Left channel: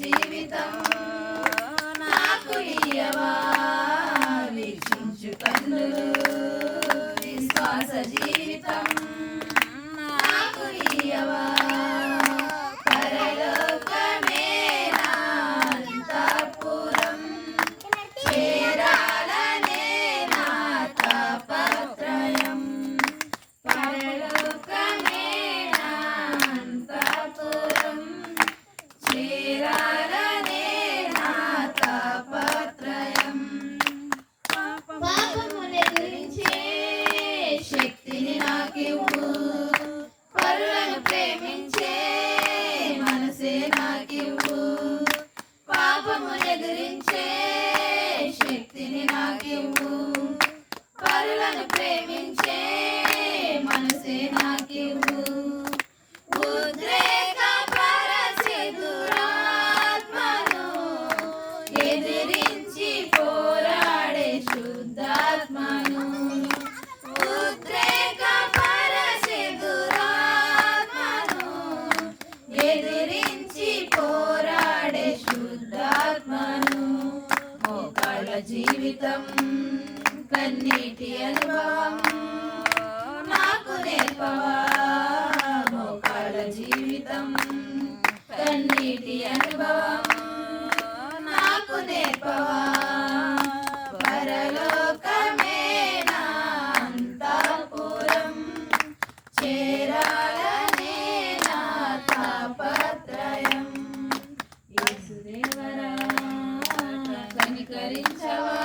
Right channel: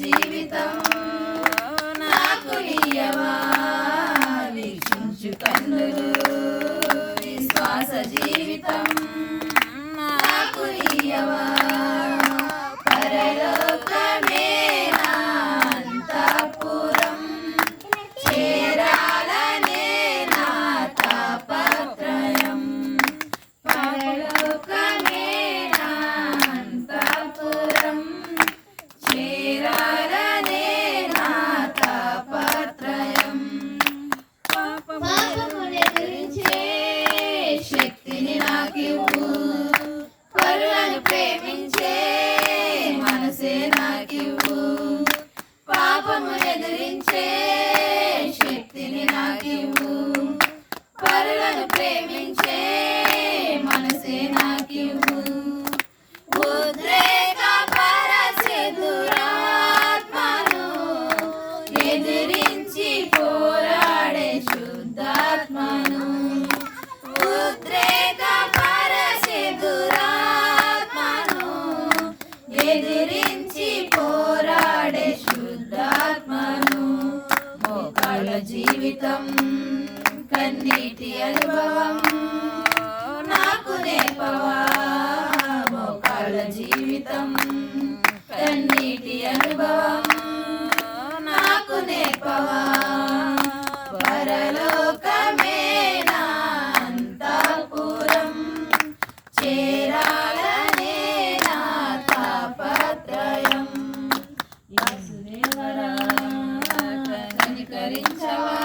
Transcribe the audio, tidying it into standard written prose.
జీవితం నాకు ఇయ్యవా వీక్షించు కన్నులు విశ్వాస జీవితం నాకు ఇయ్యవా పరలోకమే నా అంతఃపురం చేరాలనే నా తాపత్రయం పరలోకమే నా అంతఃపురం చేరాలనే నా తాపత్రయం పాపమును ఎదిరించే శక్తిని నాకివ్వు పరులను ప్రేమించే మనసే నాకివ్వు పాపమును ఎదిరించే శక్తిని నాకివ్వు పరులను ప్రేమించే మనసే నాకివ్వు ఉద్రేక పరచే దురాత్మను ఎదిరించి పోరాడే శుద్ధాత్మను ఉద్రేక పరచే దురాత్మను ఎదిరించి పోరాడే శుద్ధాత్మను మోకాళ్ళ జీవితం కన్నీటి అనుభవం నాకు నేర్పవా మోకాళ్ళ జీవితం కన్నీటి అనుభవం నాకు నేర్పవా పరలోకమే నా అంతఃపురం చేరాలనే నా తాపత్రయం యేసుదేవరా కనికరించవా